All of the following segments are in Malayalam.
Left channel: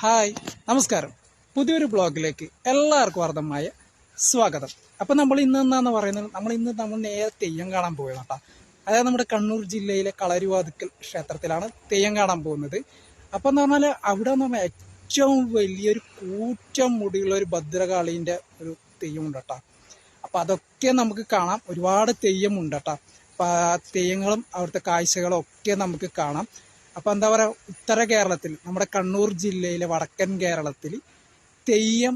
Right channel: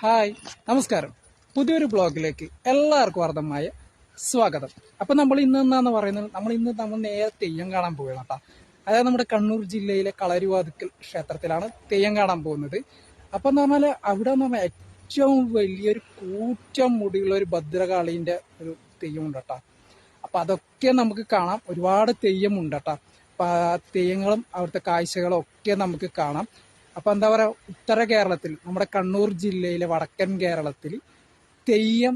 ഹായ് നമസ്കാരം. പുതിയൊരു ബ്ലോഗിലേക്ക് എല്ലാവർക്കും അർദ്ധമായ സ്വാഗതം. അപ്പം നമ്മൾ ഇന്ന് എന്നാന്ന് പറയുന്നത്? നമ്മൾ ഇന്ന് നമ്മൾ നേരെ തെയ്യം കാണാൻ പോവുകയാണ് കേട്ടോ. അതായത് നമ്മുടെ കണ്ണൂർ ജില്ലയിലെ കളരുവാതുക്കൽ ക്ഷേത്രത്തിലാണ് തെയ്യം കാണാൻ പോകുന്നത്. അപ്പം എന്ന് പറഞ്ഞാൽ അവിടെ പറഞ്ഞാൽ ഏറ്റവും വലിയൊരു കൂറ്റം മുടിയുള്ള ഒരു ഭദ്രകാളീന്റെ ഒരു തെയ്യമുണ്ട് കേട്ടോ. അപ്പം അതൊക്കെ നമുക്ക് കാണാം. ഒരുപാട് തെയ്യമുണ്ട് കേട്ടോ. അപ്പം ആ തെയ്യങ്ങളും അവിടുത്തെ കാഴ്ചകളും ഒക്കെ നമുക്ക് കാണാം. അപ്പം എന്താ പറയുക ഉത്തര കേരളത്തിൽ നമ്മുടെ കണ്ണൂർ ജില്ലയിലെ വടക്കൻ കേരളത്തിൽ തെയ്യം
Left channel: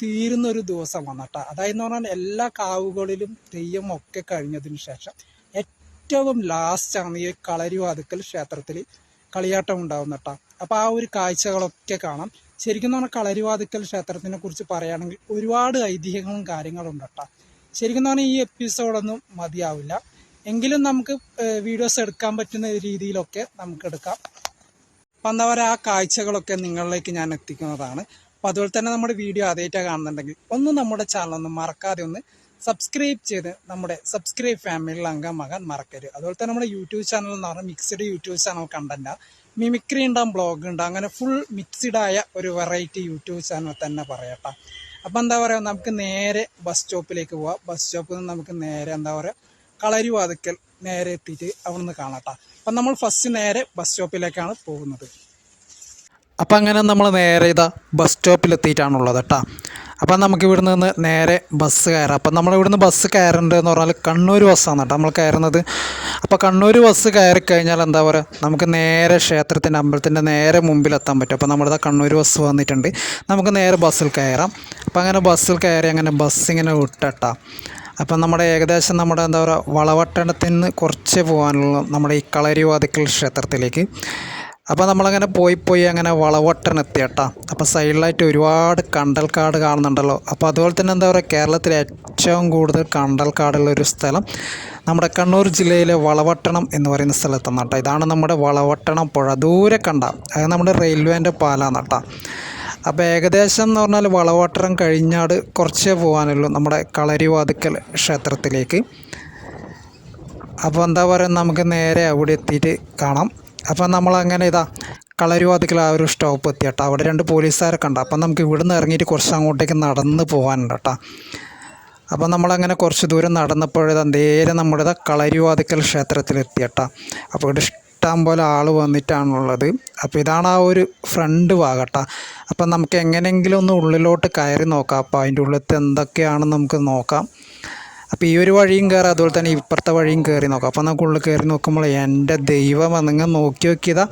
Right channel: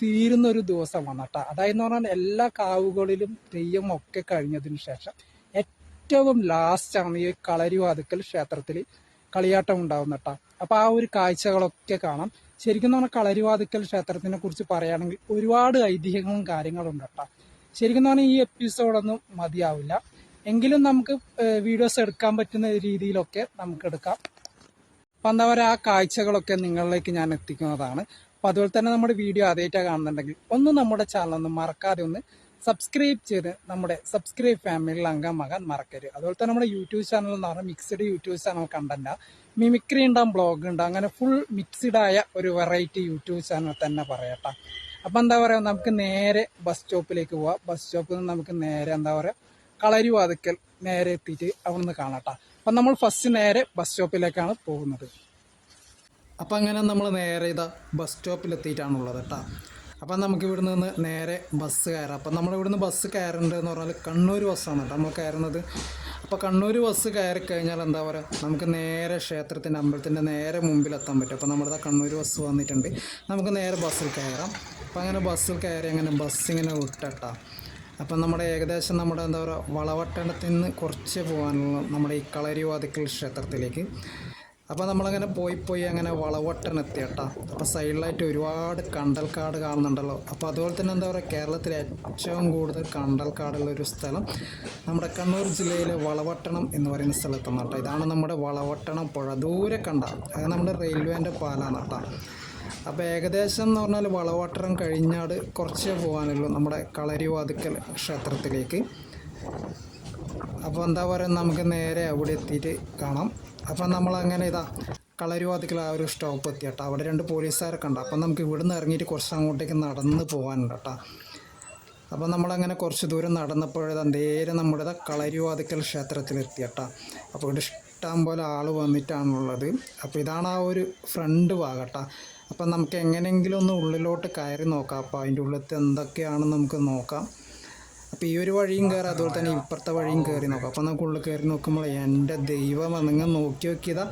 തീരുന്നൊരു ദിവസം അതായെന്ന് അതായത് എന്ന് പറഞ്ഞാൽ എല്ലാ കാവുകളിലും തെയ്യം ഒക്കെ കഴിഞ്ഞതിന് ശേഷം ഏറ്റവും ലാസ്റ്റാണ് ഈ കളരിവാതുക്കൽ ക്ഷേത്രത്തിൽ കളിയാട്ടം ഉണ്ടാവുന്നട്ടാ. അപ്പോൾ ആ ഒരു കാഴ്ചകളൊക്കെ കാണാം. ശരിക്കും പറഞ്ഞാൽ കളരിവാതുക്കൽ ക്ഷേത്രത്തിനെ കുറിച്ച് പറയുകയാണെങ്കിൽ ഒരുപാട് ഐതിഹ്യങ്ങളും കാര്യങ്ങളും ഉണ്ട് കേട്ടോ ശരിക്കും പറഞ്ഞാൽ ഈ എപ്പിസോഡൊന്നും മതിയാവില്ല. എങ്കിലും നമുക്ക് വീഡിയോസ് എടുക്കാൻ പറ്റുന്ന രീതിയിലൊക്കെ നമുക്ക് എടുക്കാം. അപ്പം എന്താ പറയുക ആ കാഴ്ചകളൊക്കെ നിങ്ങളിലേക്ക് ഞാൻ എത്തിക്കുന്നതാണ്. അപ്പം അതുപോലെ തന്നെ നമ്മുടെ വീഡിയോ ആദ്യമായിട്ടാണ് കാണുന്നുണ്ടെങ്കിൽ ഒന്ന് നമ്മുടെ ചാനൽ ഒന്ന് മറക്കാതെ ഒന്ന് സബ്സ്ക്രൈബ് ചെയ്ത് നമ്മുടെ സബ്സ്ക്രൈബ് ഫാമിലിയിൽ അംഗമാകാൻ മറക്കരുത്. അതുപോലെ തന്നെ നമ്മുടെ യൂട്യൂബ് ചാനൽ എന്ന് പറഞ്ഞാൽ mixed YouTube channel content mimicry ഉണ്ടാകും ബ്ലോഗ് ഉണ്ടാകും അങ്ങനെ ഫുൾ മിക്സ്ഡായ ഒരു വെറൈറ്റി യൂട്യൂബ് ചാനൽ തന്നെ പറയട്ടെ അപ്പം എന്താ പറയുക നമുക്ക് നേരെ ബസ് സ്റ്റോപ്പിലേക്ക് പോവാം. ബസ് സ്റ്റോപ്പിൽ നിന്ന് നമുക്ക് നേരെ എന്താ പറയുക കളരി വാതിക്കൽ നേരെ എത്തിയിട്ട് അവിടെ നിന്ന് കാണാട്ടോ. അപ്പം നമ്മൾ ഫസ്റ്റ് നേരെ ബസ് സ്റ്റോപ്പിലേക്കാണ് പോകുന്നത്. അപ്പം അങ്ങനെ നമ്മൾ നേരെ ഇതാ ബസ് സ്റ്റോപ്പിൽ എത്തിയിട്ടാണുള്ളത് കേട്ടോ. അപ്പം നമുക്ക് ഇവിടെ നിന്ന് നേരെ ബസ് കയറാം. അപ്പം നമ്മൾ ഇവിടുന്ന് ബസ് കയറേണ്ടതെന്ന് പറഞ്ഞാൽ കണ്ണൂർ ബസ്സാണ് കേട്ടോ നമ്മൾ കയറുന്നത്. അപ്പോൾ കണ്ണൂർ ബസ് കയറി കഴിഞ്ഞാൽ എന്താ പറയുക നമുക്ക് നേരെ ക്ഷേത്രത്തിന്റെ അമ്പലത്തിന്റെ നേരെ മുമ്പിലെത്താൻ പറ്റും. അപ്പോൾ നമ്മുടെ കണ്ണൂർ ബസ് വന്നിട്ടുണ്ട്. നമുക്ക് നേരെ ബസ്സിൽ കയറാം. അപ്പോൾ അങ്ങനെ ബസ്സിൽ കയറി അങ്ങനെ ബസ് ഇങ്ങനെ വിട്ടട്ടാ. അപ്പം നമ്മുടെ ഏകദേശം നമ്മുടെ എന്താ പറയുക വളവട്ടണത്തിൽ നിന്ന് കുറച്ച് പോകാനുള്ള നമ്മുടെ ഈ കളരിവാതിക്കൽ ക്ഷേത്രത്തിലേക്ക്. അപ്പോൾ നമ്മളങ്ങനെ പോയി പോയി അങ്ങനെ വളവട്ടണം എത്തിയട്ടാ അപ്പോൾ സൈഡിലായിട്ട് ഒരുപാട് കണ്ടൽക്കാട് കാണുന്നുണ്ടല്ലോ. അപ്പോൾ അതുപോലെ തന്നെ എന്താ പറയുക കേരളത്തിലെ ഏറ്റവും കൂടുതൽ കണ്ടൽക്കാടുള്ള ഒരു സ്ഥലം നമ്മുടെ കണ്ണൂർ ജില്ലയിലെ വളവട്ടണം എന്ന് പറയുന്ന സ്ഥലത്താണ് കേട്ടോ. ഇതാണ് നമ്മുടെ വളവട്ടണം പുഴ. ദൂരെ കണ്ട അത് നമ്മുടെ റെയിൽവേന്റെ പാലാണ് അപ്പോൾ ഏകദേശം എന്ന് പറഞ്ഞാൽ വളവട്ടണം കഴിഞ്ഞാട് കുറച്ചേ പോകാനുള്ളൂ നമ്മുടെ കളരിവാതുക്കൽ ക്ഷേത്രത്തിലേക്ക്. അപ്പോൾ എന്താ പറയുക നമുക്ക് നേരെ അവിടെ എത്തിയിട്ട് കാണാം. അപ്പം നമ്മളങ്ങനെ ഇതാ കളരിവാതിക്കൽ ആ ഒരു സ്റ്റോപ്പ് എത്തി കേട്ടോ അവിടെ രണ്ട് പോലീസുകാരൊക്കെ ഉണ്ട്. അപ്പം നമുക്ക് ഇവിടുന്ന് ഇറങ്ങിയിട്ട് കുറച്ച് അങ്ങോട്ടേക്ക് നടന്ന് പോകാനുണ്ട് കേട്ടോ. അപ്പം നമ്മളങ്ങനെ കുറച്ച് ദൂരം നടന്നപ്പോഴത് നേരെ നമ്മുടെ കളരിവാതിക്കൽ ക്ഷേത്രത്തിലെത്തി കേട്ടോ. അപ്പോൾ ഇവിടെ ഇഷ്ടം പോലെ ആൾ വന്നിട്ടാണുള്ളത്. അപ്പോൾ ഇതാണ് ആ ഒരു ഫ്രണ്ട് ഭാഗട്ടാ അപ്പം നമുക്ക് എങ്ങനെയെങ്കിലും ഒന്ന് ഉള്ളിലോട്ട് കയറി നോക്കാം. അപ്പോൾ അതിന്റെ ഉള്ളിലത്തെ എന്തൊക്കെയാണെന്ന് നമുക്ക് നോക്കാം. അപ്പോൾ ഈ ഒരു വഴിയും കയറാം അതുപോലെ തന്നെ ഇപ്പുറത്തെ വഴിയും കയറി നോക്കാം. അപ്പോൾ നമുക്ക് ഉള്ളിൽ കയറി നോക്കുമ്പോൾ എന്റെ ദൈവം നിങ്ങൾ നോക്കി നോക്കിയതാ.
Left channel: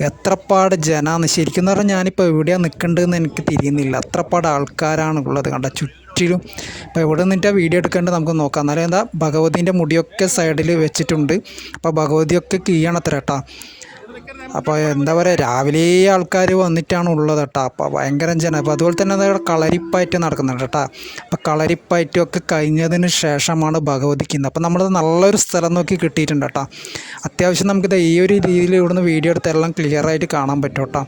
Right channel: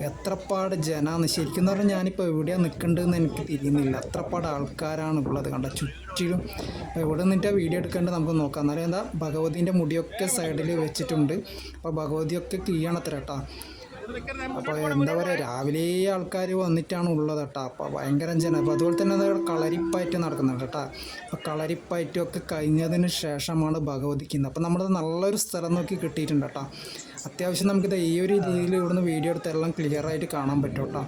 എത്രപ്പാട് ജനാന്ന് ശരിക്കും പറഞ്ഞാൽ ഞാനിപ്പോൾ എവിടെയാണ് നിൽക്കേണ്ടതെന്ന് എനിക്ക് തിരിയുന്നില്ല. അത്രപ്പാട് ആൾക്കാരാണ് ഉള്ളത് കണ്ട? ചുറ്റിലും. അപ്പോൾ എവിടെ നിന്നിട്ട് വീഡിയോ എടുക്കേണ്ടത് നമുക്ക് നോക്കാം. എന്നാലും എന്താ ഭഗവതിന്റെ മുടിയൊക്കെ സൈഡിൽ വെച്ചിട്ടുണ്ട്. അപ്പോൾ ഭഗവതിയൊക്കെ കീഴണത്ര കേട്ടോ അപ്പോൾ എന്താ പറയുക രാവിലെ ആൾക്കാർ വന്നിട്ടാണ് ഉള്ളത് കേട്ടോ അപ്പോൾ ഭയങ്കര ജനം. അപ്പോൾ അതുപോലെ തന്നെ അവിടെ കളരിപ്പയറ്റ് നടക്കുന്നുണ്ട് കേട്ടോ അപ്പോൾ കളരിപ്പയറ്റും ഒക്കെ കഴിഞ്ഞതിന് ശേഷമാണ് ഭഗവതിക്കുന്നത് അപ്പോൾ നമ്മളത് നല്ലൊരു സ്ഥലം നോക്കി കിട്ടിയിട്ടുണ്ട് കേട്ടോ അത്യാവശ്യം നമുക്കിത് ഈ ഒരു രീതിയിൽ ഇവിടുന്ന് വീഡിയോ എടുത്ത് എല്ലാം ക്ലിയർ ആയിട്ട് കാണാൻ പറ്റും കേട്ടോ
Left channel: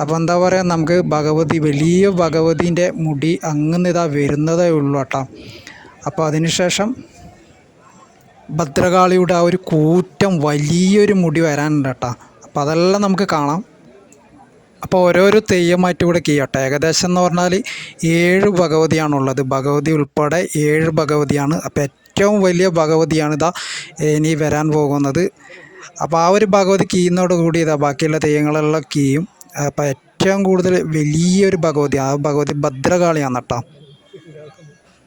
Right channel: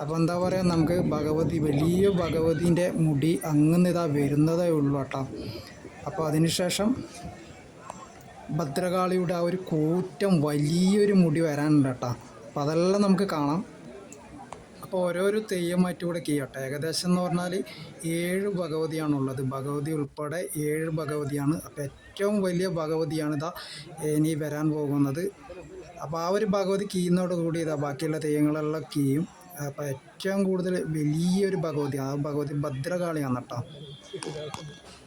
അപ്പോൾ എന്താ പറയുക നമുക്ക് ഭഗവതി വലിയ ഭഗവതിന്റെ മുടി അങ്ങനെ ഇതാ വരുന്നതേ ഉള്ളൂ കേട്ടോ അപ്പോൾ അതിനുശേഷം ഭദ്രകാളിയുടെ ആ ഒരു കൂറ്റം വലിയൊരു മുടി വരാനുണ്ട് കേട്ടോ. അപ്പോൾ അതെല്ലാം നമുക്ക് കാണാം. അപ്പോൾ ഓരോരോ തെയ്യമായിട്ട് ഇവിടെ ചെയ്യട്ടെ ഏകദേശം എന്ന് പറഞ്ഞാൽ ഏഴ് ഭഗവതിയാണുള്ളത്. ഭഗവതി ഉൾപ്പെടെ ഏഴ് ഭഗവതിയാണ്. അപ്പോൾ ഏറ്റവും വലിയ ഭഗവതിയാണ് ഇതാ ഇനി വരാൻ പോകുന്നത്. അപ്പോൾ ആ ഒരു ഭഗവതി കീയുന്നതോട് കൂടി ഇതാ ബാക്കിയുള്ള തെയ്യങ്ങളെല്ലാം കീയും. അപ്പോൾ ഏറ്റവും കൂടുതൽ വലിയൊരു ഭഗവതി ആ ഭഗവതി ഭദ്രകാളിയാണ് കേട്ടോ.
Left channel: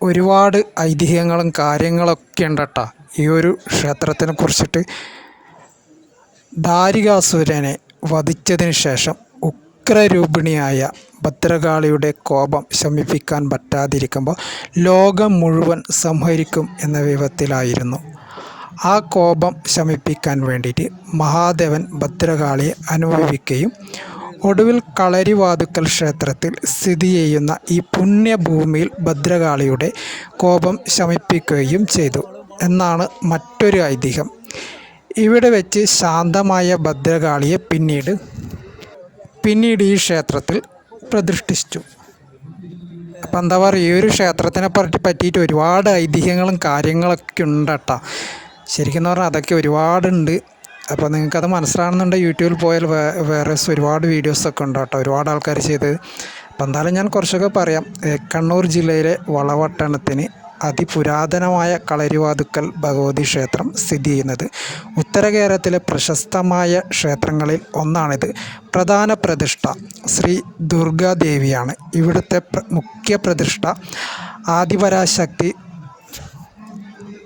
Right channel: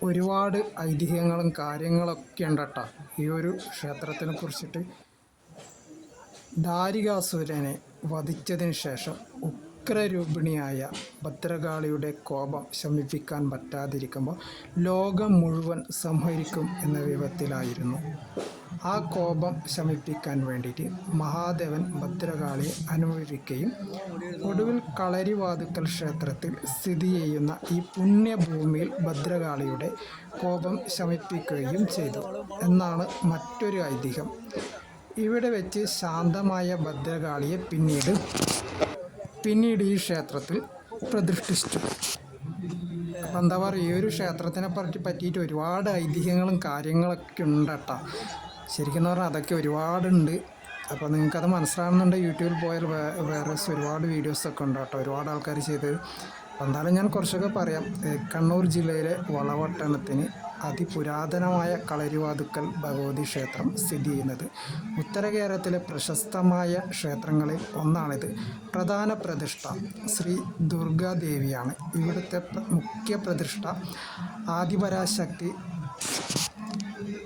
ഒരുപാട് ഐതിഹ്യങ്ങളും കാര്യങ്ങളൊക്കെ ഉണ്ട് ഈ ഒരു ക്ഷേത്രത്തിനെ കുറിച്ചിട്ട് ദാരികാസുരനെ വധിച്ചതിന് ശേഷം ഉഗ്രരൂപിണിയായ ഭദ്രകാളിയുടെ കോപം ശമിപ്പിക്കാൻ പറ്റാതിരിക്കുമ്പോൾ ലോകം മുഴുവൻ സംഹരിക്കും എന്ന വിധത്തിലായിരുന്നു. ആ കോപം ശമിപ്പിക്കാൻ വേണ്ടിയിട്ട് മഹാദേവൻ ഭദ്രകാളിയെ അനുഭവിക്കുകയും ഒടുവിൽ കളരിവാതുക്കൽ ക്ഷേത്രത്തിൽ സ്ഥിതി ചെയ്യുന്ന ഈ പുണ്യഭൂമിയിൽ ഭദ്രകാളിയുടെ കോപം ശമിപ്പിക്കുകയും ചെയ്തു. എന്നാണ് മറ്റൊരു ഐതിഹ്യം. ഇവിടെ വെച്ച് ശാന്തമായ ഭദ്രകാളിയെ പിന്നീട് പിന്നീട് ഈ ക്ഷേത്രത്തിൽ പ്രതിഷ്ഠിച്ചു. അപ്പം എന്താ പറയുക ഈ ഒരു ക്ഷേത്രത്തിനെ പറ്റി പറ്റിയിട്ട് ഒരുപാട് ഐതിഹ്യങ്ങളും കാര്യങ്ങളൊക്കെ ഉണ്ട് കേട്ടോ ശരിക്കും പറഞ്ഞാൽ അതൊക്കെ ഒരുപാടുണ്ട്. അപ്പോൾ നിങ്ങൾക്കത് മനസ്സിലാകുന്നുണ്ട് യൂട്യൂബിൽ പോയാൽ വേറെ ഒരുപാട് വീഡിയോസൊക്കെ ഉണ്ട് കേട്ടോ. ഒരുപാട് ആൾക്കാർ ചെയ്ത് അപ്പം എന്തായാലും ഞാൻ കുറച്ചൊക്കെ പറയാം. കണ്ണൂർ ജില്ലയിലെ വളവട്ടണത്തിന് അതിപുരാതനമായ കളരിവാതുക്കൽ ഭഗവതി ക്ഷേത്രം സ്ഥിതി ചെയ്യുന്നത്. ഉത്തര കേരളത്തിലെ പ്രശസ്തമായ ക്ഷേത്രങ്ങളിൽ ഒന്നാണിത്. പ്രധാന പ്രതിഷ്ഠ ശ്രീ ദുർഗാദേവിയാണ്. ഇവിടുത്തെ മുഖ്യ പ്രതിഷ്ഠ ആദിപരാശക്തി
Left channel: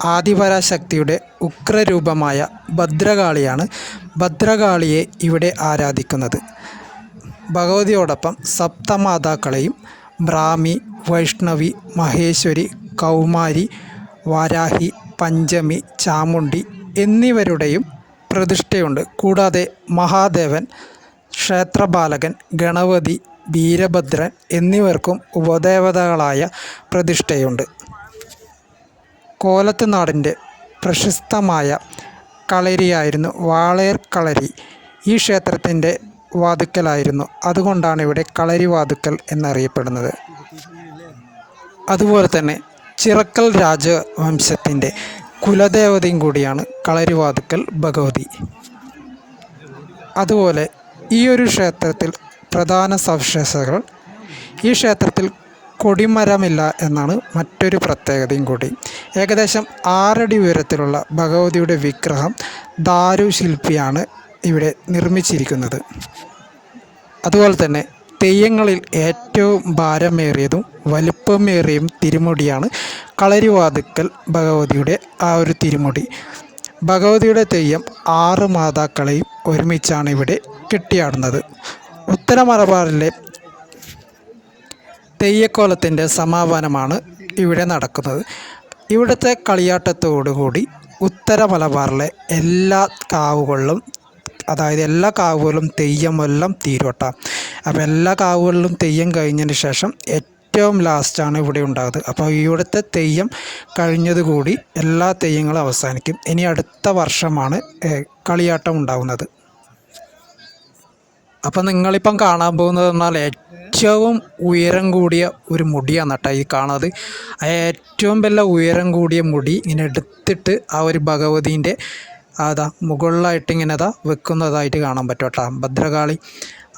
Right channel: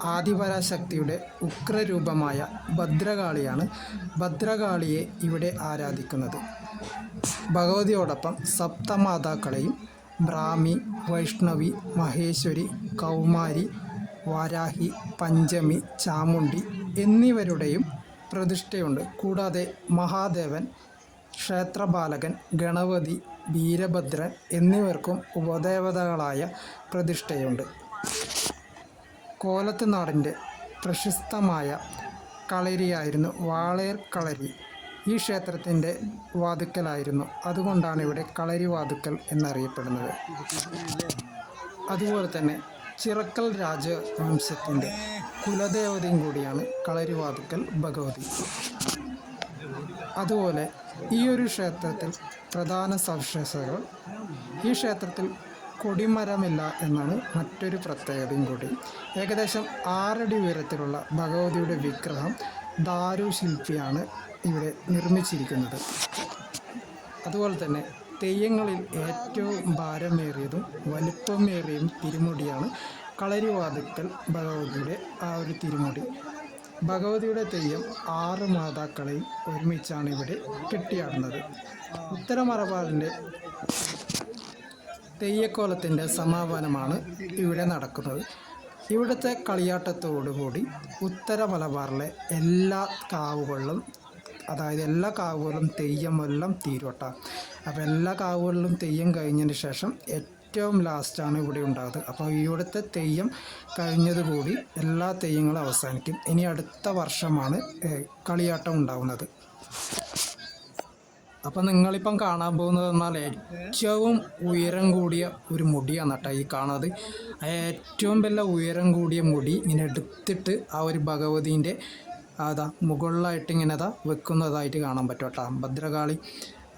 ആദിപരാശക്തിയുടെ ഉഗ്രരൂപമായ ഭദ്രകാളിയാണ് ഭദ്രകാളിയെ ഇവിടെ ആരാധിക്കുന്നത്. ഭഗവതിയോടൊപ്പം സപ്തമാതാക്കളെയും ബ്രാഹ്മി വൈഷ്ണവി മഹേശ്വരി കൗമാരി വാരാഹി പഞ്ചമി ചാമുണ്ടി എന്നിവരുടെയും പ്രതിഷ്ഠയുണ്ട്. കൂടാതെ മഹാദേവൻ ക്ഷേത്രപാലകൻ ഗണപതി വീരഭദ്രൻ എന്നിവർക്കും ഉപദേവതകളായ പ്രതിഷ്ഠയുണ്ട്. കോലത്ത് നാടിന്റെ പ്രശസ്തമായ കളരിയായിരുന്നു വാളേർ കളരി. ഈ ക്ഷേത്രത്തിന്റെ വാതുക്കലായിരുന്നു. അതുകൊണ്ടാണ് ഇവിടെ കളരി വാതുക്കൽ എന്നറിയപ്പെടുന്നത്. അതുപോലെ തന്നെ ചിറക്കൽ രാജവംശത്തിന്റെ കുലദേവതയും കൂടിയാണ് കളരിവാതുക്കൽ ഭഗവതി. അതുപോലെ ഈ ഒരു ക്ഷേത്രത്തിൽ പ്രധാന സവിശേഷതകൾ. ഈ ക്ഷേത്രത്തിൽ കൊടിമരമില്ല എന്നാണ് മറ്റൊരു പ്രത്യേകതയും കൂടി. ഏകദേശം ആറടി ഉയരത്തിലുള്ള ഭഗവതിയുടെ വിഗ്രഹം ദാരു ശില്പിയാണ് ഇവിടെ നിർമ്മിച്ചിരിക്കുന്നത്. അതുപോലെ തന്നെ തെയ്യങ്ങളിൽ ഏറ്റവും ഭാരമേറിയതും വലുപ്പമേറിയതും തിരുമുടിയാണ് കളരിവാതുക്കൽ ഭഗവതിയുടെ ആ ഒരു തിരുമുടി. ഭഗവതിയുടെ തെയ്യം ആറ് മാതാക്കളെയും ഒരുമിച്ചാണ് ഇവിടെ കെട്ടിയാടുന്നത്. ഉത്തര മലബാറിലെ തെയ്യക്കോലത്തിന്റെ സമാപനമാണ് ഇവിടെ നടക്കുന്നത്. ഇവിടുത്തെ കളിയാട്ടത്തോടുകൂടി ഉത്തര മലബാറിലെ എല്ലാ കാവുകളിലും അതായത് എല്ലാ കാവുകളിലും തെയ്യമെല്ലാം തീരുവട്ട. അപ്പോൾ എല്ലാ കാവുകളിലും തെയ്യം കഴിഞ്ഞതിന് ശേഷം ഏറ്റവും ലാസ്റ്റാണ് ഇവിടെ ഉണ്ടാകുന്നത്. അപ്പോൾ ഇവിടുത്തെ തെയ്യം കഴിഞ്ഞതുകൂടി എല്ലാ തെയ്യങ്ങളും അവസാനിക്കും. ഇനി അടുത്ത വർഷമാണ് കളിയാട്ടം ഉണ്ടാകുന്നത്. അപ്പം നിങ്ങളിപ്പം കാണാൻ പോകുന്നത് പറഞ്ഞാൽ ഏറ്റവും ഉയരം കൂടിയ ഒരു മുടിയാണ് കേട്ടോ ഈ കാണുന്നത്. ഏറ്റവും വലിയ ഉയരം കൂടിയ മുടി ഇങ്ങനെ എടുത്തിട്ട് ആ ഒരു ഭഗവതീന്റെ അതാ മുകളിലായിട്ട് ഇങ്ങനെ അതാ വെക്കുന്നതായിട്ട് കാണാൻ പറ്റും കേട്ടോ ഭദ്രകാളി.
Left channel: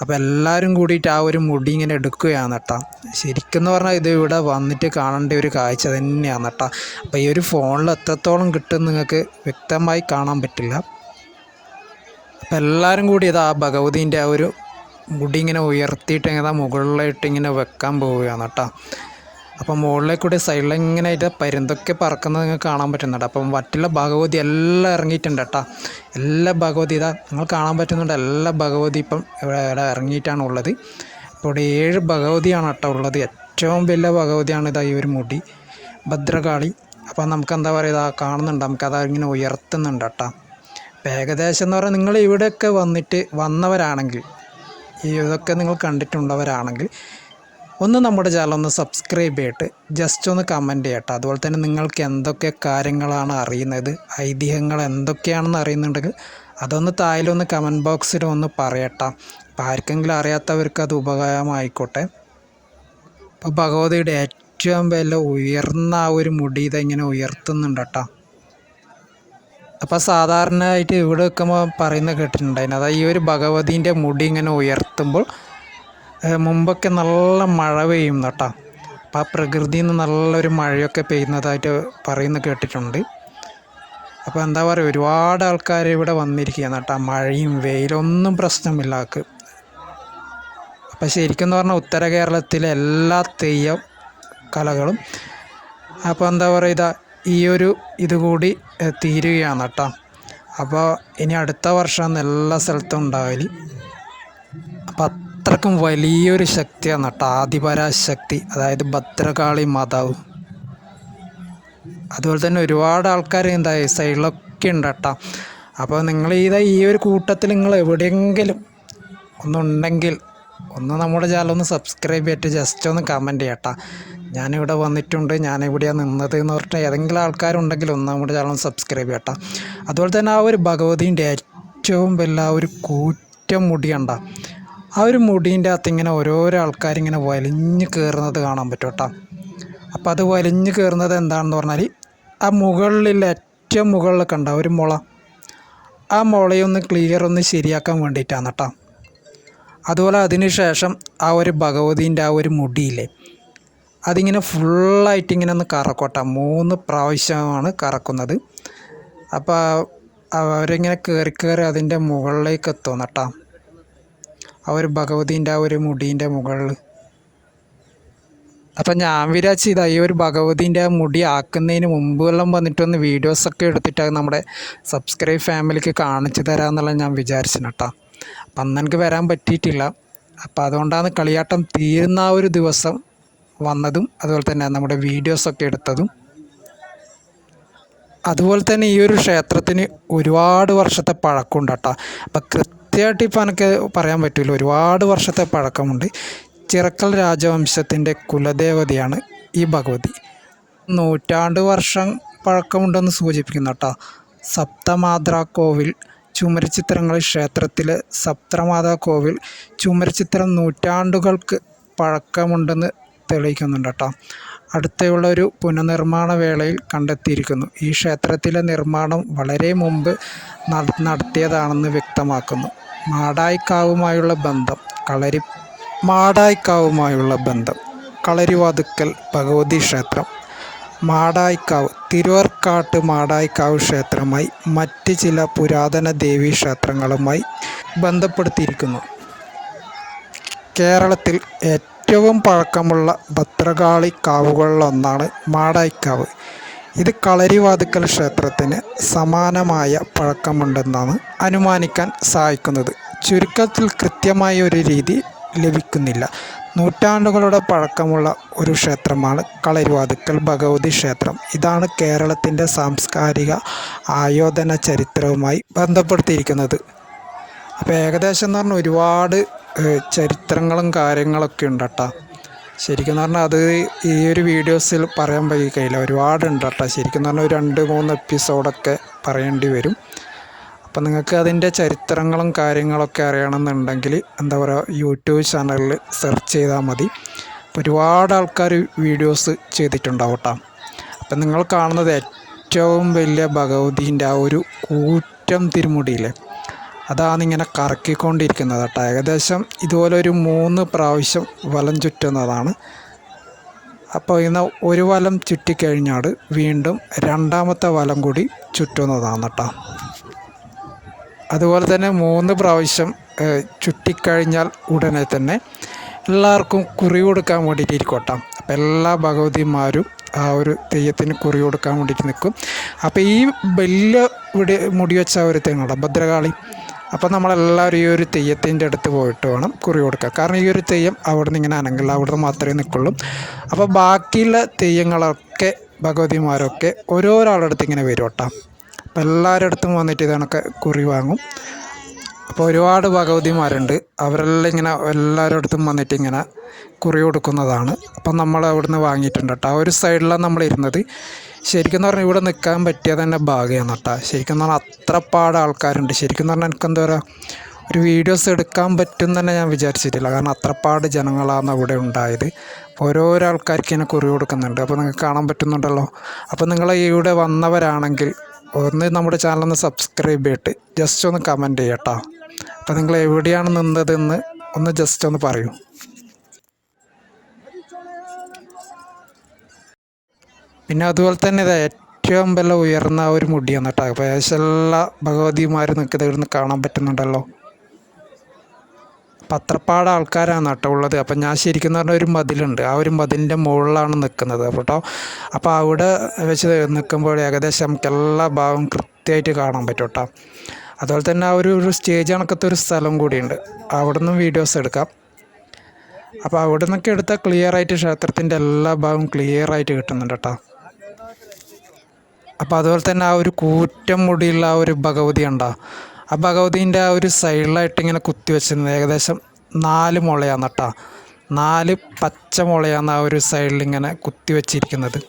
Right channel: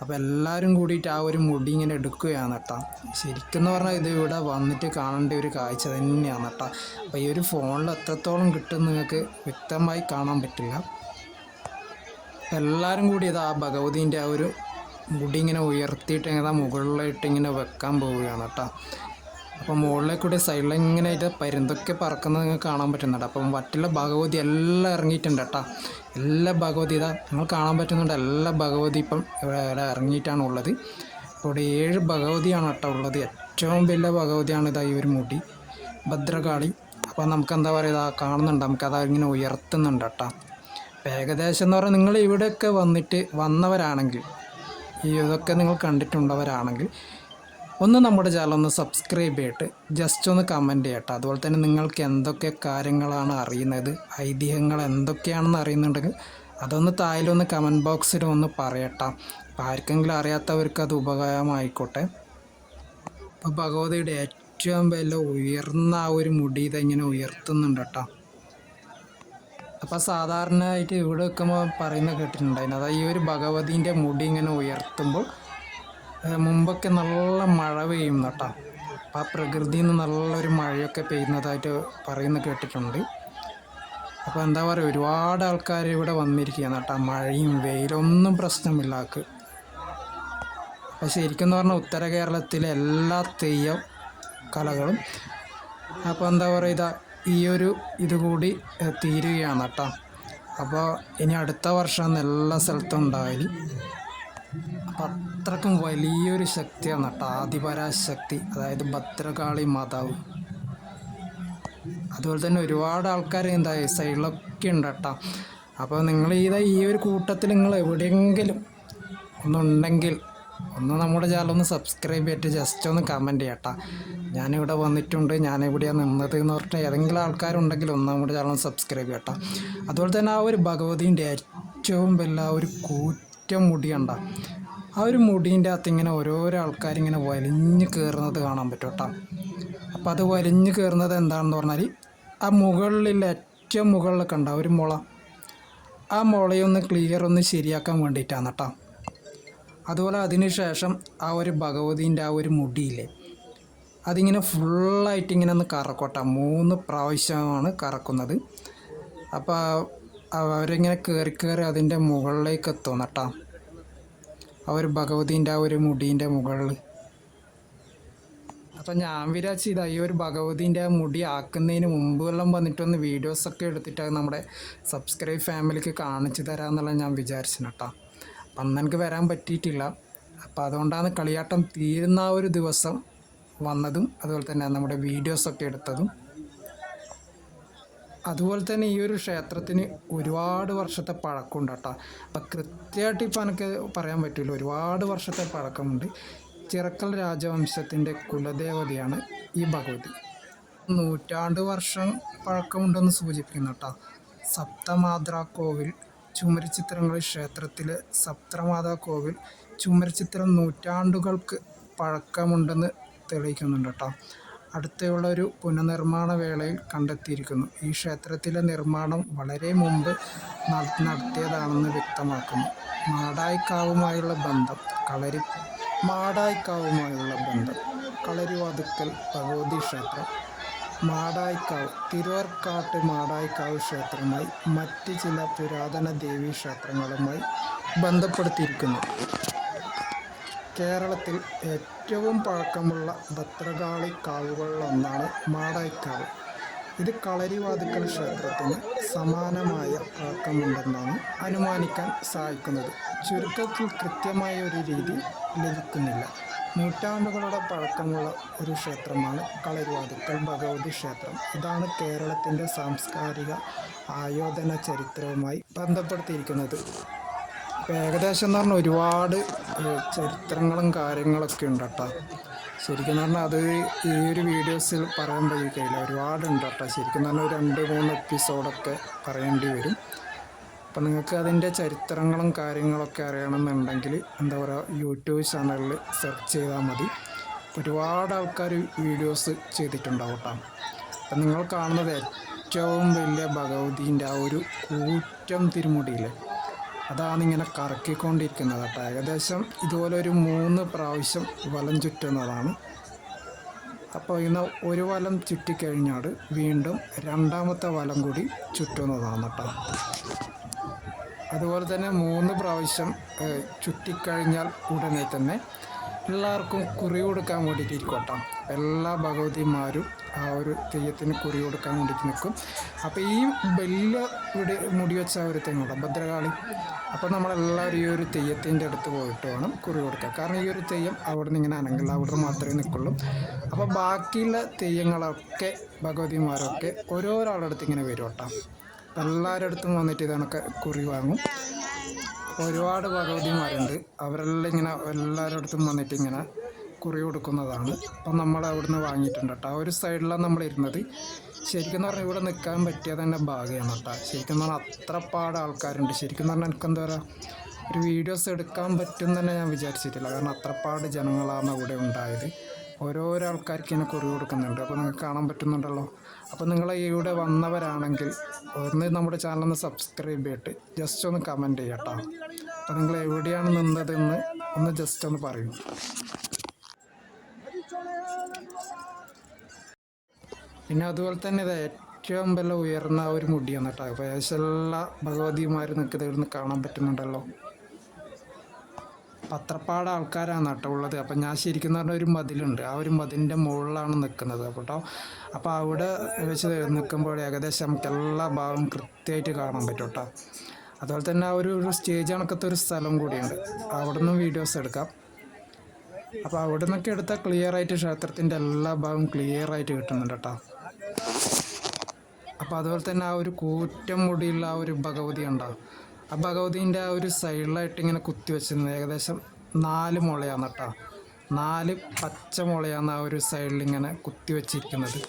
അപ്പോൾ എല്ലാവരും കൂടിയിട്ട് ആ ഒരു മുടി ഇങ്ങനെ എടുക്കുകയാണ് കേട്ടോ ശരിക്കും പറഞ്ഞാൽ ഇത് ഇവിടെ വന്നിട്ട് കാണേണ്ട ഒരു കാഴ്ച തന്നെയാണ് കേട്ടോ അപ്പോൾ ഈ ഒരു ഫോണിൽ എത്രത്തോളം കിട്ടും നിങ്ങൾക്ക് വ്യക്തമായി കാണാൻ പറ്റില്ല. എല്ലാവരും കൂടി ഇതാ ആ ഭഗവതിന്റെ ആ ഒരു മുടി ഇങ്ങനെ ഉയർത്തിയിട്ട് ഇങ്ങനെ മുകളിലായിട്ട് ഇങ്ങനെ വെക്കാൻ പോവുകയാണ് കേട്ടോ. അപ്പം മുകളിലേക്ക് കൂടി സൈഡിൽ ഇങ്ങനെ ഇത് പരുന്തൊക്കെ പറക്കുന്നത് നിങ്ങൾക്ക് കാണാൻ പറ്റുന്നുണ്ട്. അപ്പം മറ്റുള്ള ഭഗവതി എല്ലാം ഇറങ്ങിയിട്ടുണ്ട് കേട്ടോ. എല്ലാ ഭഗവതി ഇതാ നിങ്ങൾ കാണാൻ പറ്റുന്നുണ്ട്. എല്ലാ ഭഗവതി ഇപ്പം ഇവിടെ ഇറങ്ങിയിട്ടാണ് ഉള്ളത്. ഇപ്പോൾ ഇവിടെ ഏഴ് ഭഗവതിയാണ് കേട്ടോ ഉള്ളത്. ഏറ്റവും വലിയ ഭഗവതിയാണ് ഇതാ ഈ ഒരു മുടി. ഭദ്രകാളി. അപ്പം നമുക്ക് എന്താ പറയുക കാണുന്നുണ്ട്. നമുക്കത് ഇങ്ങനെ ഉയർത്തുന്നുണ്ട് കേട്ടോ. ഏകദേശം എന്ന് പറഞ്ഞാൽ നിങ്ങൾ ഇവിടെയൊക്കെ വന്നിട്ട് വന്നവരാണെങ്കിൽ ഈ ഇതൊക്കെ നിങ്ങൾ കണ്ടിട്ടുള്ളവരാണെങ്കിൽ ഒന്ന് നമ്മുടെ ചാനൽ ഒന്ന് സബ്സ്ക്രൈബ് ചെയ്തിട്ട് ജസ്റ്റ് ഒന്ന് കമന്റ് ചെയ്യട്ടെ. അതുപോലെ തന്നെ നിങ്ങൾക്ക് എന്തൊക്കെ കാര്യങ്ങളാണ് അറിയുന്നത് ഐതിഹ്യങ്ങൾ എന്തൊക്കെയാണെന്ന് അറിയുന്നുണ്ടെങ്കിൽ അതൊന്ന് താഴെയൊന്ന് കമന്റ് ബോക്സിൽ ഒന്ന് പറയട്ടെ. അപ്പോൾ ആർക്കെങ്കിലും അറിയാത്തവർക്ക് അത് ഉപകാരമായിക്കോട്ടെ. അപ്പോൾ ഭഗവതിയുടെ ഏറ്റവും വില ഉയർന്ന ആ ഒരു മുടി ഇതെങ്ങനെ ഉയർത്തുന്നുണ്ട് കേട്ടോ. അപ്പോൾ സാധാരണയായിട്ട് ഇവിടെ വെക്കുമ്പോൾ പറയുന്ന കേട്ടിട്ടുണ്ടായിരുന്നു. അതായത് ഈ ഒരു ഭഗവതീന്റെ മുടി ഇങ്ങനെ ഉയർത്തുമ്പോൾ മുമ്പൊക്കെ നല്ല മഴ പെയ്യും കേട്ടോ അപ്പോൾ ആ പ്രകൃതിയിൽ നിന്ന് നല്ലൊരു മഴയൊക്കെ പെയ്യുന്നതായിട്ട് പറയുന്ന കേട്ടിട്ടുണ്ട്. അപ്പോൾ എന്താ പറയുക ഒരുപാട് ആൾക്കാർ ഇവിടെ വന്നിരിക്കുകയാണ് കേട്ടോ മഴയും വെയിലൊന്നും പ്രശ്നമില്ല ആൾക്ക്. ശരിക്കും എന്ന് പറഞ്ഞാൽ ഉത്തര കേരളത്തിലെ എല്ലാ തെയ്യം കലകളും. അപ്പോൾ എന്താ പറയുക ഇതാ ഈ ഒരു ഇത് കൂടി തീരുകയാണ് കേട്ടോ അപ്പോൾ ഇനി അടുത്ത വർഷം എല്ലാ സ്ഥലത്തും ഉണ്ടാവൽ. അപ്പം അത്രക്കും വലിയൊരു ശക്തിയാണ് കേട്ടോ ആദിപരാശക്തി. അതായത് ഭദ്രകാളി മാതാവ്. അതുപോലെ തന്നെ ഒരുപാട് ആൾക്കാർ ഈ സൈഡിലൊക്കെ ഉണ്ട് കേട്ടോ അപ്പോൾ നിങ്ങൾ ഇതാ ഈ ഒരു കൂട്ടത്തിൽ നിങ്ങൾ എവിടെയെങ്കിലും ഒന്നുണ്ടെങ്കിൽ ഒന്ന് നമ്മുടെ ചാനൽ ഒന്ന് സബ്സ്ക്രൈബ് ചെയ്തിട്ട് ജസ്റ്റ് ഒന്ന് കമന്റ് ചെയ്യട്ടാ ഞാനിവിടെ വന്നിട്ടുണ്ട് ഞാനിവിടെയാണ് നിന്നത് എന്ന് പറഞ്ഞിട്ട് ഏതെങ്കിലും ആൾക്കാരുണ്ടെങ്കിൽ ഒന്ന് നമ്മുടെ ചാനൽ സബ്സ്ക്രൈബ് ചെയ്യട്ടെ. അതുപോലെ തന്നെ ആ ഒരു ഭഗവതിന്റെ ഏറ്റവും വലിയ ആ ഒരു കൂറ്റം മുടി കണ്ട ആ ഒരു മുടീന്റെ അകത്ത് ഇങ്ങനെ ഓരോരോ ആൾക്കാരിങ്ങനെ വലിഞ്ഞ് കയറുന്നത് കാണാൻ പറ്റും കേട്ടോ അപ്പോൾ അത് വലിഞ്ഞ് കയറുന്നത് എന്താണെന്ന് പറഞ്ഞാൽ ആ മുകളിൽ ഏറ്റവും മുകളിലൊക്കെ ഉണ്ടാവും ഒരു മുള ആ മുളയൊന്ന് ക്ലിയർ ഒന്ന് ശരിയാക്കാൻ വേണ്ടിയിട്ടാണ് കേട്ടോ അതുപോലെ അതിനുശേഷം ആ ഒരു ഭഗവതിന്റെ ആ ഒരു മുടിയില്ലേ അതിങ്ങനെ ഫുള്ളായിട്ട് ഇങ്ങനെ ഒന്ന് കറക്കോട്ടെ മൂന്ന് പ്രാവശ്യമാണ് കറക്കുന്നത്. അപ്പോൾ അവരിങ്ങനെ കയറി കയറി അതിന്റെ മുകളിലേക്ക് എത്തും കേട്ടോ. ആ ഒരു ഭഗവതിന്റെ ആ ഒരു മുടീന്റെ മുകളിൽ. അപ്പം ഞാൻ വിചാരിച്ചു ഇതാ ഈ ഒരു ഭഗവതിന്റെ മുടി ആക്കുന്നതിന് മുമ്പ് എല്ലാം വന്നിട്ടൊന്ന് വീഡിയോസൊക്കെ എടുത്തിട്ട് നമ്മുടെ സബ്സ്ക്രൈബ് ഫാമിലിക്ക് കാണിച്ചു തരാമെന്നുള്ള ഞാൻ വിചാരിച്ചു കേട്ടോ. അപ്പം അന്ന് എനിക്ക് വരാൻ പറ്റിയിട്ടില്ല. അപ്പം അതുകൊണ്ടാണ് കളിയാട്ടം തീരുന്ന ആ ഒരു ദിവസം വന്നതും അതുപോലെ തന്നെ നമ്മുടെ വീഡിയോസൊക്കെ എടുത്തതും. അതുപോലെ തന്നെ ഈ ഒരു ക്ഷേത്രത്തിന് ഒരുപാട് വർഷത്തെ പഴക്കമുണ്ട് കേട്ടോ. അപ്പം കൃത്യമായിട്ട് ഇപ്പം എനിക്ക് പറയാൻ പറ്റില്ല ഒരുപാട് വർഷത്തെ പഴക്കമുണ്ട്. ചിറക്കൽ രാജവംശത്തിന്റെ കുലദേവതയാണ് ഈ ഭഗവതി. നൂറ്റാണ്ട് വർഷം പഴക്കമുണ്ടെന്ന് സൂചിപ്പിക്കുന്നു കേട്ടോ. സപ്തമാത്ര കോവിൽ ചുമരചിത്രങ്ങൾ ക്ഷേത്രത്തിലെ സപ്തമാതാ കോവിൽ ചുമരചിത്രം നൂറ്റാണ്ടുകൾക്ക് പഴക്കമുണ്ടെന്ന് തെളിയിക്കുന്നുണ്ട് കേട്ടോ. അടുത്തുള്ള ഒരു പുനർനിർമ്മാണ വേളയിൽ കണ്ടെത്തിയിരിക്കുന്നു. ഈ ക്ഷേത്രത്തിലെ നിർമ്മാണം വളരെ മുമ്പ് നട- നടത്തിയതാണെന്ന് വ്യക്തമാക്കുന്നു. മാടായിക്കാവുമായുള്ള ബന്ധം കളരി മാടായിക്കാവുമായുള്ള ബന്ധം കളരിവാതുക്കൽ ഭഗവതി ക്ഷേത്രം. മാടായിക്കാവ് തിരുവർക്കാട്ട് മാടായിക്കാവ് ക്ഷേത്രമായി മറ്റ് ചില പുരാതന ദേവീ ക്ഷേത്രങ്ങളുമായി ബന്ധപ്പെടുത്തിയിരിക്കുന്നു. കേരളത്തിൽ ഏറ്റവും പഴക്കമുള്ള ഭദ്രകാളി കാവുകളിലൊന്നാണ് മാടായിക്കാവ്. ഇത് കളരിവാതുക്കൽ ക്ഷേത്രത്തിന് സമാനമായ പഴക്കമുണ്ടെന്നാണ് അനുമാനിക്കാൻ സഹായിക്കുന്നത്. ചുരുക്കത്തിൽ കൃത്യമായ ഒരു രീതി ലഭിക്കുന്നില്ല. നൂറ്റാണ്ടുകളുടെ പഴക്കമുള്ള ഒരു ക്ഷേത്രമാണ് കളരിവാതുക്കൽ ഭഗവതി ക്ഷേത്രം. ഇതാണ് കേരളത്തിന്റെ സാംസ്കാരിക ആയോധന ചരിത്രവുമായി ബന്ധപ്പെടുത്തിയിരിക്കുന്നത്. അപ്പോൾ ഏകദേശം എന്ന് പറഞ്ഞാൽ ഒരുപാട് ചരിത്രങ്ങളും കാര്യങ്ങളൊക്കെ ഉണ്ട് കേട്ടോ. ശരിക്കും പറഞ്ഞാൽ അത് ഈ ഒരു വീഡിയോസിൽ പറയാൻ കഴിയില്ല ഒരുപാട് ഉണ്ട് കേട്ടോ. ശരിക്കും പറഞ്ഞാൽ ഒരു രണ്ട് മൂന്ന് എപ്പിസോഡൊക്കെ പറയേണ്ടി വരും. അപ്പം നിങ്ങൾക്ക് അതിന്റെ ചരിത്രങ്ങളും കാര്യങ്ങളൊക്കെ അറിയണമെന്നുണ്ടെങ്കിൽ എന്താ പറയുക യൂട്യൂബ് ചാനലിൽ സെർച്ച് ചെയ്താൽ മതി. ഒരുപാട് ആൾക്കാർ വീഡിയോസ് ചെയ്തിട്ടുണ്ടാവും കേട്ടോ. അപ്പം നിങ്ങൾ കാണുന്നത് ഏറ്റവും വലിയ ഭഗവതിന്റെ ആ ഒരു കൂറ്റം തിരുമുടിയില്ലേ? അതാണ് ഇങ്ങനെ കറക്കിക്കൊണ്ടിരിക്കുന്നത് കേട്ടോ. ഏകദേശം ഇതുപോലെ ഒരു മൂന്ന് പ്രാവശ്യം വലം ചുറ്റുന്നതാണ്. അപ്പോൾ ഇന്ന് ഒരു വലം ചുറ്റിക്കഴിഞ്ഞാൽ വീണ്ടും രണ്ടാമത്തെ വലം കൂടി ചുറ്റുന്നതാണ് കേട്ടോ. അതുപോലെ തന്നെ മൂന്ന് പ്രാവശ്യം ചുറ്റിക്കഴിഞ്ഞാൽ ഉടനെ തന്നെ എല്ലാവർക്കും കുറി കൊടുക്കാൻ വേണ്ടിയിട്ട് ഇരിക്കും അപ്പം അപ്പോൾ എല്ലാ ഭഗവതിമാരും ആ ഒരു തെയ്യത്തിന് കുറി കൊടുക്കാൻ വേണ്ടിയിട്ട് നിൽക്കും. അപ്പോൾ ഈ ബെല്ല് ഇവിടെ മുടി വെച്ച ഒരു തെങ്ങുണ്ട് ഭദ്രകാളി. അപ്പോൾ നമ്മളെല്ലാവരും ഈ ഒരു തെയ്യത്തിന്റെ അടുത്ത് പോയിട്ട് വേണം കുറി കൊടുക്കുക കാരണം ഈ ഒരു തെയ്യം അവിടെ നിന്ന് ഇങ്ങനെ അനങ്ങില്ല അവിടെ മാത്രമേ നിൽക്കുള്ളൂ. അപ്പോൾ ബാക്കിയുള്ള തെയ്യങ്ങളൊക്കെ ഭഗവതിമാരൊക്കെ ഓരോരാളുടെ അടുത്ത് ഇങ്ങനെ വരും കേട്ടോ. അപ്പോൾ എല്ലാവരുടെ അടുത്തും വന്നിട്ട് ഇതണക്കെ കുറി വാങ്ങും. അപ്പോൾ ഒരുപാട് ഭഗവതിമാരുണ്ട്. അവരെല്ലാം ഇങ്ങനെ എല്ലാവരുടെ അടുത്തും വന്നിട്ട് ഇങ്ങനെ കുറി കൊടുക്കുന്നതാണ്. അപ്പം നമ്മൾ അവിടുന്ന് വാങ്ങിയിട്ടുണ്ട് കേട്ടോ. ആ ഒരു സൈഡിലാണ് നമ്മൾ ഇരുന്നത് ശരിക്കും പറഞ്ഞാൽ ഇവിടെ നിൽക്കാൻ പറ്റിയത് തന്നെ ഭാഗ്യമാണ് കേട്ടോ. ശരിക്കും പറഞ്ഞാൽ അത്ര പാട് ആൾക്കാരുണ്ട്. ശരിക്കും പറഞ്ഞാൽ എനിക്ക് എന്താ പറയുക ഒരു വീഡിയോസ് എടുക്കാൻ പറ്റും തന്നെ ഞാൻ വിചാരിച്ചിട്ടില്ല. കാരണം അത്രപ്പാട് ജനങ്ങളാണ് അവിടെ ഉണ്ടായത്. ഓരോരോ ആൾക്കാർക്ക് ഇങ്ങനെ കുറി കൊടുക്കുന്നുണ്ട്. അപ്പോൾ നിങ്ങൾക്ക് കാണാൻ പറ്റുന്നുണ്ടല്ലോ. അപ്പോൾ നിങ്ങൾ ഇവിടെ വന്നവരാണെങ്കിൽ ഒന്ന് നമ്മുടെ ചാനലൊന്ന് സബ്സ്ക്രൈബ് ചെയ്തിട്ട് ജസ്റ്റ് ഒന്ന് കമന്റ് ചെയ്യട്ടോ അപ്പോൾ നിങ്ങൾ എവിടെയാണ് നിന്നതെന്ന് ഒന്ന് ജസ്റ്റ് ഒന്ന് പറയൂ. പിന്നെ അതുപോലെ തന്നെ ഇത് ഏറ്റവും വില ഉയർന്ന ഒരു മുടിയാണ് കേട്ടോ. അപ്പോൾ എല്ലാ ഭഗവതിമാരും നിൽക്കുന്നത് ഇവിടുന്ന് കാണാൻ പറ്റുന്നുണ്ടല്ലോ. പത്രപ്പാട് ആൾക്കാരാണ് കേട്ടോ ഉള്ളത്. അപ്പം ഞാൻ ശരിക്കും പറഞ്ഞ ഒരു മതിലുണ്ട്. ആ ഒരു മതിലിന്റെ മുകളിലാണ് നിൽക്കുന്നത് കേട്ടോ. അപ്പോൾ അവിടെ വെച്ച് നിൽക്കുമ്പോൾ ഏകദേശം നമുക്ക് എല്ലാ ഭാഗവും കൃത്യമായിട്ട് കാണാൻ പറ്റും കേട്ടോ. അതുപോലെ തന്നെ ആ ഒരു സ്റ്റേജ് കണക്കത്തെ ഒരു സ്ഥലം കൂടിയുണ്ട്. അവിടെ നിന്നും വീഡിയോസ് എടുക്കാം. അപ്പോൾ അവിടെ നിന്നൊക്കെ എടുത്താൽ ക്ലിയർ ആയിട്ട് ക്ഷേത്രത്തിന്റെ എല്ലാ ഭാഗവും ക്ലിയർ ആയിട്ട് കിട്ടുന്നുണ്ട് കേട്ടോ. അപ്പോൾ അതുപോലെ തന്നെ ആ ഒരു കൂറ്റം മുടിയുള്ള ആ ഒരു ഭഗവതി ഉണ്ടോ ആ ഭഗവതീന്റെ ആ ഒരു സൈഡിലായിട്ട് ഇങ്ങനെ കുത്തി വെച്ചിരുന്നത് ഏകദേശം നാല് മുളയാണ് കേട്ടോ. നാല് പച്ച മുളയാണ് ആ ഒരു സൈഡിൽ ഇങ്ങനെ കുത്തി വെച്ചിരിക്കുന്നത്.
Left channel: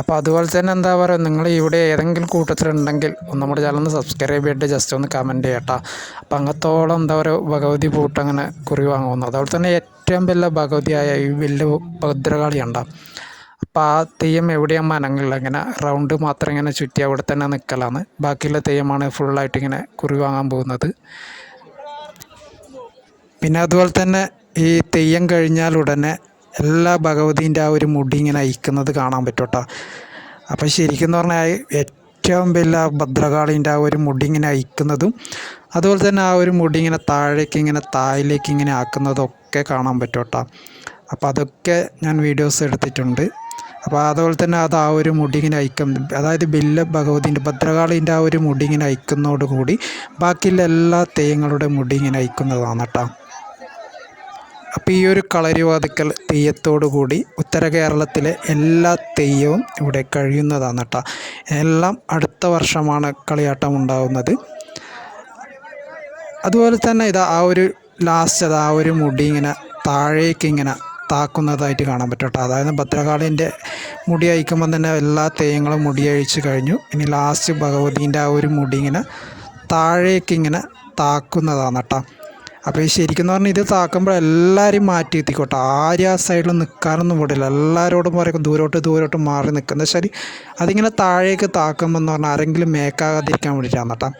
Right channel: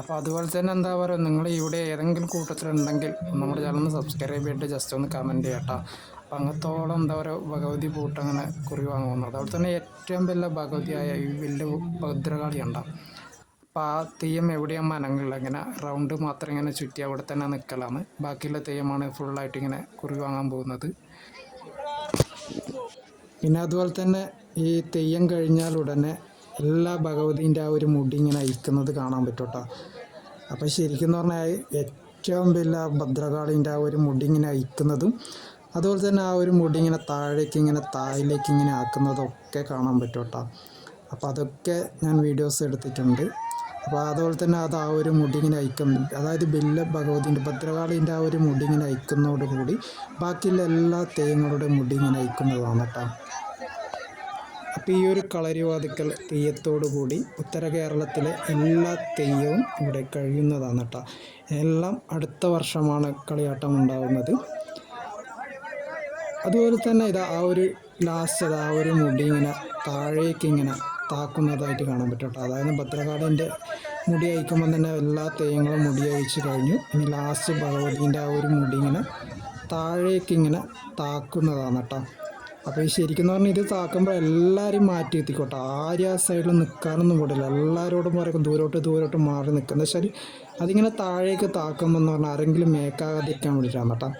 അപ്പോൾ അതുപോലെ തന്നെ എന്താ പറയുക നിങ്ങൾ ഇവിടെ ഏതെങ്കിലും കൂട്ടത്തിലുണ്ടെങ്കിൽ നമ്മുടെ ചാനൽ ഒന്ന് സബ്സ്ക്രൈബ് ചെയ്തിട്ട് ജസ്റ്റ് ഒന്ന് കമന്റ് ചെയ്യട്ടോ. അപ്പോൾ അങ്ങത്തോളം എന്താ പറയുക ഭഗവതി പൂട്ട് അങ്ങനെ കുറി വാങ്ങുന്നു. അതുപോലെ തന്നെ ഏറ്റവും വലിയ ഭഗവതിയായ ഈ വലിയ ഭദ്രകാളി ഉണ്ടാവും അപ്പോൾ ആ തെയ്യം എവിടെയാണ് മനങ്ങളിൽ ഇങ്ങനെ റൗണ്ട് മാത്രം ഇങ്ങനെ ചുറ്റി അവിടെ തന്നെ നിൽക്കലാണ് ബാക്കിയുള്ള തെയ്യമാണ് ഫുള്ളായിട്ട് ഇങ്ങനെ കുറി വാങ്ങാൻ പോകുന്നത്. പിന്നെ അതുപോലെ തന്നെ ഈ തെയ്യം കഴിഞ്ഞാൽ ഉടനെ എല്ലാ ഭഗവതിന്റെ ആ ഒരു മുടി ഇങ്ങനെ അയക്കുന്നത് കാണാൻ പറ്റും കേട്ടോ. അപ്പോൾ ശരിക്കും പറഞ്ഞാൽ ഏറ്റവും വലിയ ഭദ്രകാളിന്റെ ആ ഒരു മുടി ഇങ്ങനെ അയക്കുന്നതും അതുപോലെ തന്നെ ആ ഒരു മുടി ഇങ്ങനെ താഴേക്ക് ഇങ്ങനെ താഴിലേക്ക് ഇങ്ങനെ ആക്കുന്നതൊക്കെ കാണാൻ പറ്റും കേട്ടോ. അപ്പോൾ അതൊക്കെ ഞാൻ വീഡിയോസ് എടുത്തിട്ടുണ്ട്. അപ്പോൾ അതുപോലെ തന്നെ അത് ആ ഒരു മുടിങ്ങിനെ അയക്കും. അതായത് ബില്ല ഭഗവതിന്റെ ഭദ്രകാളിന്റെ ആ ഒരു മുടിങ്ങിനെ അയക്കുന്നതോടുകൂടി ബാക്കിയുള്ള എല്ലാ തെയ്യങ്ങളുടെ മുടിങ്ങിനെ അയക്കുന്നതാണ് കേട്ടോ. അപ്പോൾ ഈ ഒരു കളരിവാതുക്കൽ തെയ്യത്തോടു കൂടി ഉത്തര കേരളത്തിലെ എല്ലാ തെയ്യവും ഇവിടെ കഴിയുന്നതാണ് കേട്ടോ. എല്ലാം അടുത്ത വർഷമാണ് കളിയാട്ടം ഉണ്ടാവുന്നത്. അതുപോലെ തന്നെ ഇതാ ആ ഒരു ലാസ്റ്റ് അത് ആ ഒരു മുടി ഇങ്ങനെ താഴേക്ക് ഇങ്ങനെ താക്കുന്നതായിട്ട് കാണാൻ പറ്റും കേട്ടോ. അതായത് ഭദ്രകാളിന്റെ മുടി അയക്കുമ്പോൾ തന്നെ എല്ലാ തെയ്യങ്ങളും മുടി അഴിച്ചു കഴിഞ്ഞു. ഇനി ലാസ്റ്റ് ഭഗവതീന്റെ ആ ഒരു മുടി ഇങ്ങനെ താഴേക്ക് ഇങ്ങനെ താക്കുന്നതാണ് കേട്ടോ. അപ്പോൾ ശരിക്കും പറഞ്ഞാൽ ഇത് താക്കുമ്പോൾ എല്ലാവരും മാറ്റി എത്തിക്കോട്ടെ. ആരും ആ സൈഡിൽ നിൽക്കാനൊന്നും വിടില്ല. എല്ലാവരോടും പറയും ദൂരോട്ട് ദൂരോട്ട് മാറി നിൽക്കുന്ന ശരി അതിങ്ങനെ താഴേക്ക് താക്കുമ്പോൾ എന്ന് പറഞ്ഞാൽ ആരെങ്കിലും മേക്കാകാതിരിക്കാൻ വേണ്ടിയിട്ടാണ് കേട്ടോ.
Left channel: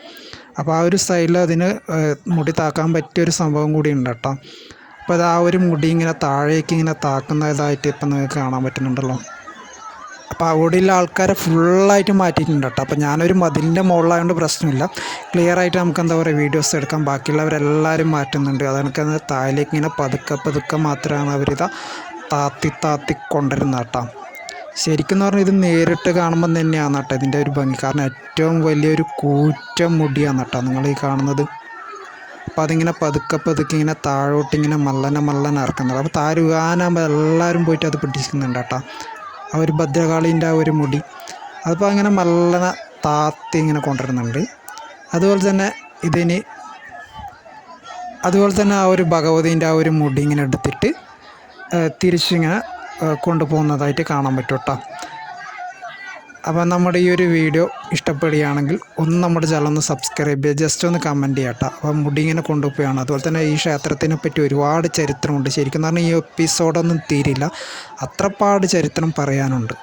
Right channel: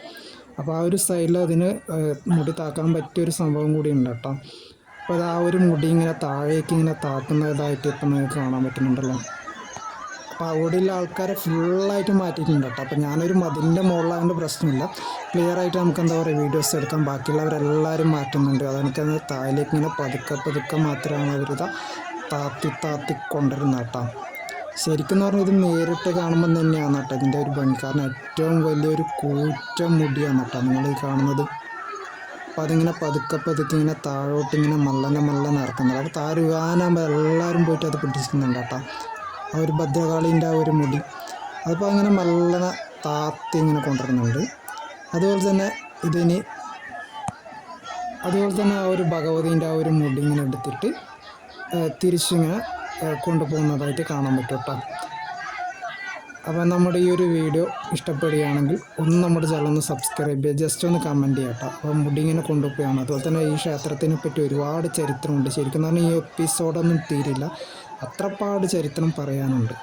അപ്പോൾ ആ ഒരു സൈഡിൽ അതിന് മുടി താക്കാൻ പറ്റിയൊരു സംഭവം കൂടി ഉണ്ട് കേട്ടോ. അപ്പോൾ അത് ആ ഒരു മുടി ഇങ്ങനെ താഴേക്ക് ഇങ്ങനെ താക്കുന്നതായിട്ട് ഇപ്പം നിങ്ങൾക്ക് കാണാൻ പറ്റുന്നുണ്ടല്ലോ. അപ്പോൾ അവിടെയുള്ള ആൾക്കാരെ ഫുള്ളായിട്ട് മാറ്റിയിട്ടുണ്ട് കേട്ടോ. അപ്പോൾ ഞാനൊരു മതിലിന്റെ മുകളിലായതുകൊണ്ട് പ്രശ്നമില്ല. ക്ലിയർ ആയിട്ട് നമുക്ക് എന്താ പറയുക വീഡിയോസ് എടുക്കാം. ബാക്കിയുള്ളവരെല്ലാവരും മാറ്റുന്നുണ്ട്. അതെനിക്കത് താഴേക്ക് ഇങ്ങനെ പതുക്കെ പതുക്കെ മാത്രമാണ് അവരിതാ താത്തി താത്തി കൊണ്ടുവരുന്നത് കേട്ടോ. ശരിക്കും എന്ന് പറഞ്ഞാൽ ഇത് നേരിട്ട് കാണുമ്പം തന്നെയാണ് കേട്ടോ ഇതിന്റെ ഒരു ഭംഗി. കാരണം ഏറ്റവും വലിയൊരു കൂറ്റം മുടിയാണ് കേട്ടോ നിങ്ങൾ ഈ കാണുന്നത്. അപ്പോൾ അതിങ്ങനെ പതുക്കെ പതുക്കെ ഇങ്ങനെ താഴോട്ട് ഇങ്ങനെ മല്ലനെ മല്ലനെ ഇറക്കുന്നത്. അപ്പോൾ താരുവാനാകുമ്പോൾ എല്ലാവരും പോയിട്ട് അത് പിടിക്കുന്നുണ്ട് കേട്ടോ. ആ ഒരു ഭദ്രകാളീന്റെ ആ ഒരു മുടി. അതിപ്പോൾ അങ്ങനെ മല്ലനെ താത്തി ഇങ്ങനെ കൊണ്ടുവരുന്നുണ്ട്. അതുപോലെ തന്നെ ഇതിന് അതുപോലെ തന്നെ ആ ഒരു ഭഗവതീന്റെ ആ ഒരു മുടി ഇങ്ങനെ എടുത്തിട്ട് തിരിച്ചിങ്ങനെ കൊണ്ടുപോകുന്നതായിട്ട് കാണാൻ പറ്റും കേട്ടോ. അപ്പോൾ നമ്മുടെ ഈ ഒരു വീഡിയോ ഇഷ്ടപ്പെടുകയാണെങ്കിൽ ഒന്ന് നമ്മുടെ ചാനൽ ഒന്ന് സബ്സ്ക്രൈബ് ചെയ്യുക. ജസ്റ്റ് ഒന്ന് കമന്റ് ചെയ്യാം കേട്ടോ. അപ്പോൾ മുടി ഇങ്ങനെ കൊണ്ടുപോവുകയാണ്. അതുപോലെ തന്നെ ഈ ക്ഷേത്രത്തിനെ പറ്റി ഒരുപാട് ചരിത്രമുണ്ട്. ശരിക്കും പറഞ്ഞാൽ ഈ എപ്പിസോഡൊന്നും തീരില്ല. അത്രപ്പാട് ചരിത്രം പറയാനുണ്ട്.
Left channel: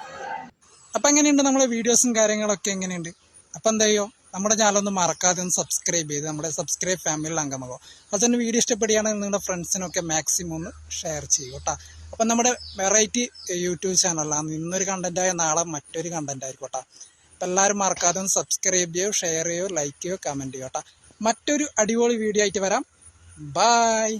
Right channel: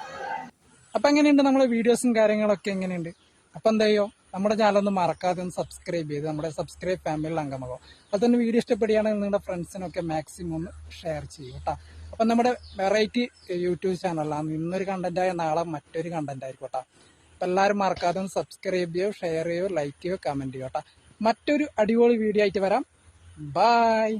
അപ്പം എങ്ങനെയുണ്ട് നമ്മളെ വീഡിയോസും കാര്യങ്ങളൊക്കെ എങ്ങനെയുണ്ട്? അപ്പം എന്താ ചെയ്യോ? നമ്മുടെ ചാനൽ ഒന്ന് മറക്കാതെ ഒന്ന് സബ്സ്ക്രൈബ് ചെയ്ത് നമ്മുടെ സബ്സ്ക്രൈബ് ഫാമിലിയിൽ അംഗമാകും അതുപോലെ തന്നെ വീഡിയോ ഇഷ്ടപ്പെടുകയാണെങ്കിൽ നിങ്ങളുടെ ഫ്രണ്ട്സിനൊക്കെ മാക്സിമം ഒന്ന് ഷെയർ ചെയ്യൂ കേട്ടോ. അപ്പം നമ്മുടെ വെറൈറ്റി യൂട്യൂബ് ചാനലാണ് ഇന്നൊരു കണ്ടന്റായ നാളെ മറ്റൊരു കണ്ടന്റ് ആയിരിക്കും അപ്പം എല്ലാവരും മറക്കാതെ സബ്സ്ക്രൈബ് ചെയ്യോ ഷെയർ ചെയ്യോ ലൈക്ക് ചെയ്യോ കമന്റ് ചെയ്യോ മറ്റൊരു അടിപൊളി വീഡിയോ ആയിട്ട് വരാം. ബായ്